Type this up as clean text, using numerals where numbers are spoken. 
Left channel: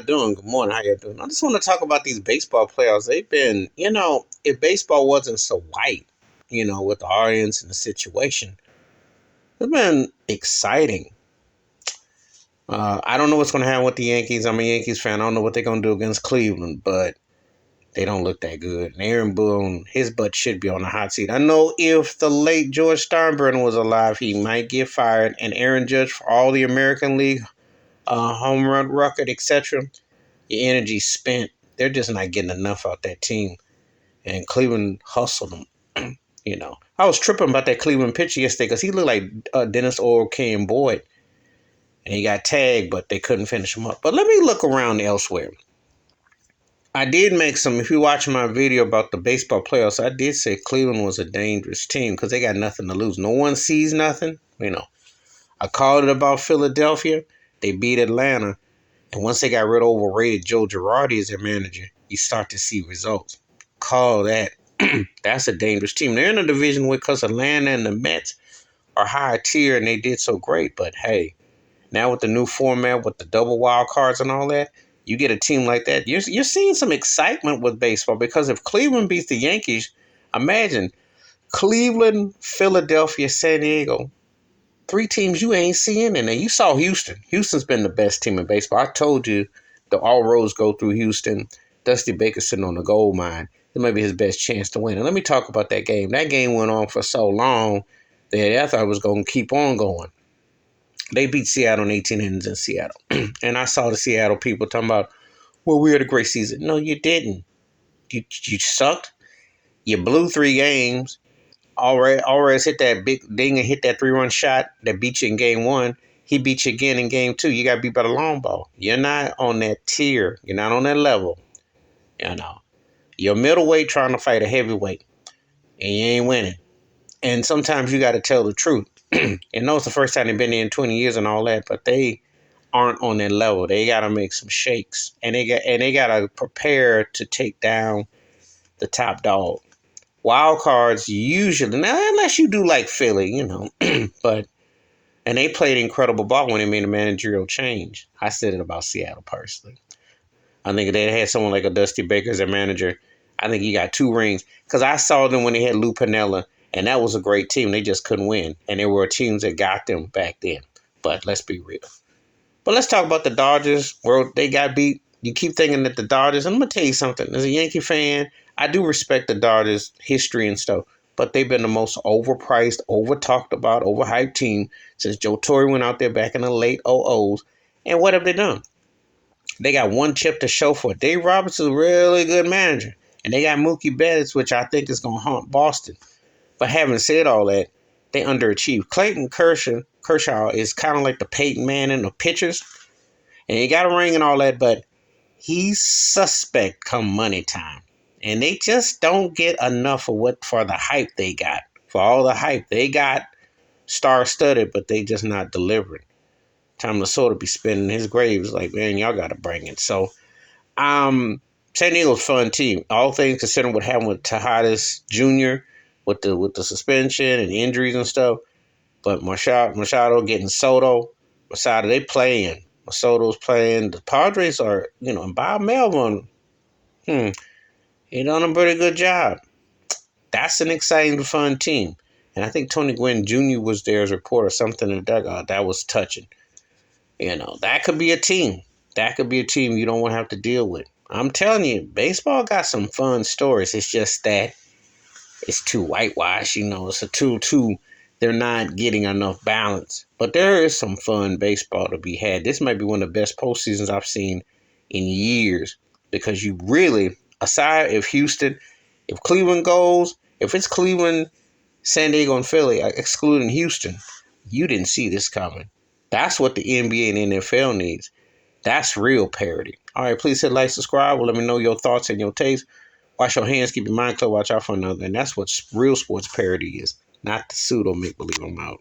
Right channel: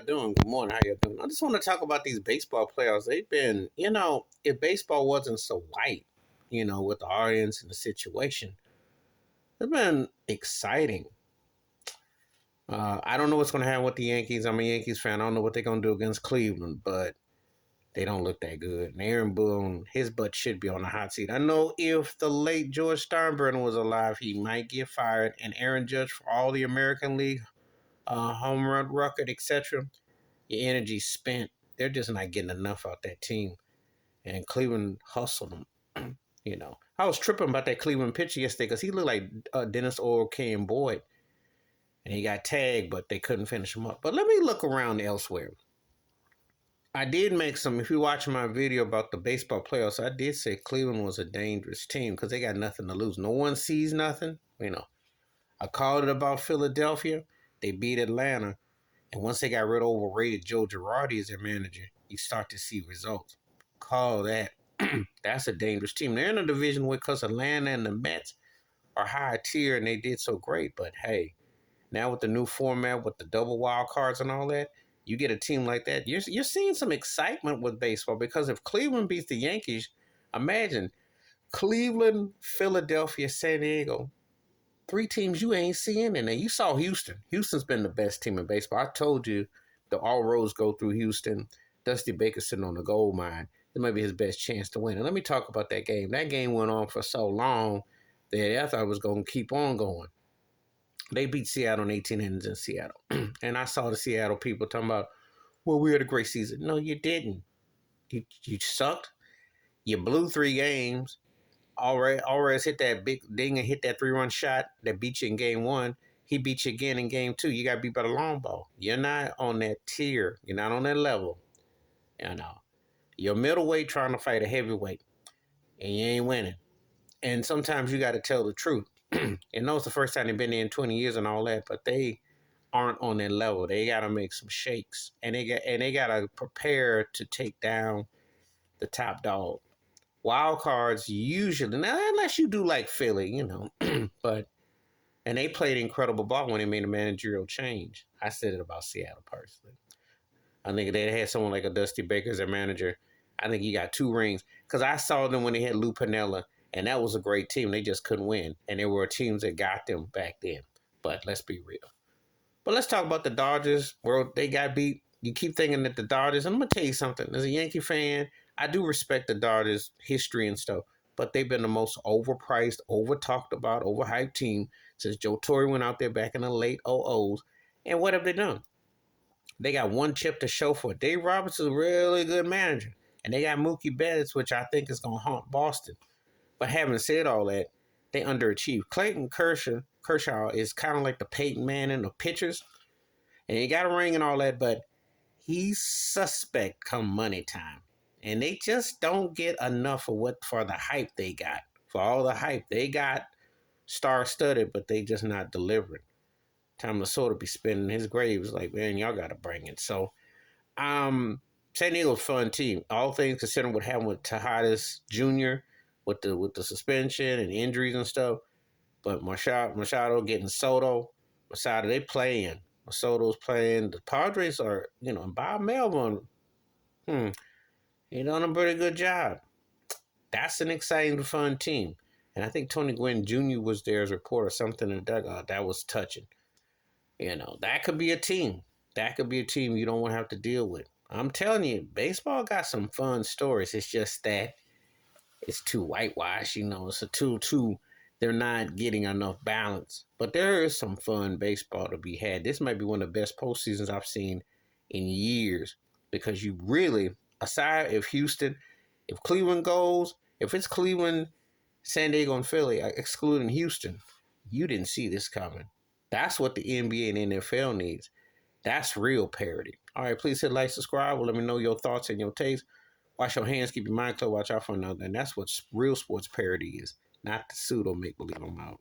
y'all doing? Good morning. How y'all doing? I just want to talk about these baseball playoffs. They've been, if baseball wasn't so white, with the audience and the situation, it's been exciting. I don't know what's going to happen with the Yankees. I'm a Yankees fan. I don't know what they're going to do against Cleveland, but they don't look that good. And Aaron Boone, his butt should be on the hot seat. I know if the late George Steinbrenner was alive, he might get fired. And Aaron Judge, for all the American League home run record, etc., your energy spent. They're just not getting enough out that team. And Cleveland hustled them. I was tripping about that Cleveland pitcher yesterday because he looked like Dennis O'Kane and Boyd. And he got tagged, but they couldn't finish him up. But let me look around elsewhere. I did make if you watch my video about the baseball playoffs, I did say Cleveland was a dangerous team because they got nothing to lose. No one sees nothing. I called it about Philadelphia. They beat Atlanta. And once they got rid of overrated Joe Girardi as their manager, you start to see results. Call that. That's a dangerous team. They're in a division because Atlanta and the Mets are higher tier and they did so great. But hey, now with the new format with the double wild cards and all that, you get a team like that. You're seeing some excitement with baseball because if Cleveland beats the Yankees, imagine Cleveland, Philadelphia, San Diego. 3 teams you ain't seeing, and then you saw Houston. Houston's been the best team in baseball. I told you all roads go through Houston. Dusty Baker sitting on the gold mine. It might be his best chance to win. And let me talk about that game. That game went on for so long that I thought it was going to keep on going. They beat Seattle in 18 innings in Seattle. And I saw the Seattle people talking about, well, we had a great season. No, you didn't. You sucked. You blew 3 games. Alvarez hit that big ding and hit that 3-run shot that beat you in game 1. He beat you again in game 2. You got beat by the long ball. You're not on that tier. You're not on that level. You're middleweight trying to fight a heavyweight, and you ain't winning. And sometimes you got to tell the truth. And know it's the first time they've been there in 20 years and all that, but they aren't on that level. They got to make some shakes, and they got to prepare to take down the top dog. Wild cards usually, now unless you do like Philly, but and they played incredible ball when they made a managerial change. I said it about Seattle personally. I think if they had someone like a Dusty Baker as their manager, I think he got 2 rings. Because I saw them when they had Lou Piniella, and that was a great team. They just couldn't win. And there were teams that got them back then. But let's be real. But let's talk about the Dodgers. Where they got beat. You keep thinking that the Dodgers, and I'm going to tell you something. As a Yankee fan, I do respect the Dodgers' history and stuff. But they've been the most overpriced, over-talked about, overhyped team since Joe Torre went out there back in the late 00s. And what have they done? They got 1 chip to show for it. Dave Roberts is a really good manager. And they got Mookie Betts, which I think is going to haunt Boston. But having said all that, they underachieved. Clayton Kershaw is kind of like the Peyton Manning of pitchers. And he got a ring and all that, but he's suspect come money time. And they just don't get enough for the hype they got. For all the hype they got, star-studded, but they just not delivering. Tom Lasorda be spinning his graves like, man, y'all got to bring it. So, San Diego's a fun team. All things considering what happened with Tejadas Jr. with the suspension and injuries and stuff. But Machado getting Soto. Machado, they playing. Soto's playing. The Padres are, and Bob Melvin, he done a pretty good job. That's an exciting, fun team. And I think Tony Gwynn Jr. was there as a reporter, something in the dugout. That was touching. That could be a team. That could be a team you don't want to have to deal with. I'm telling you, baseball got some fun stories. It's just that it's too whitewashed. It's a too. They're not getting enough balance. But there is some fun baseball to be had. This might be one of the best postseasons I've seen in years because you really, aside if Cleveland goes, if it's Cleveland, San Diego, and Philly, excluding Houston, you didn't see this coming. That's what the NBA and NFL needs. That's real parity. All right, please hit like, subscribe. Well, let me know your thoughts and your taste. Wash your hands, keep your mind clear, watch out for another. And that's what real sports parity is, not the pseudo make-believe. I'm out.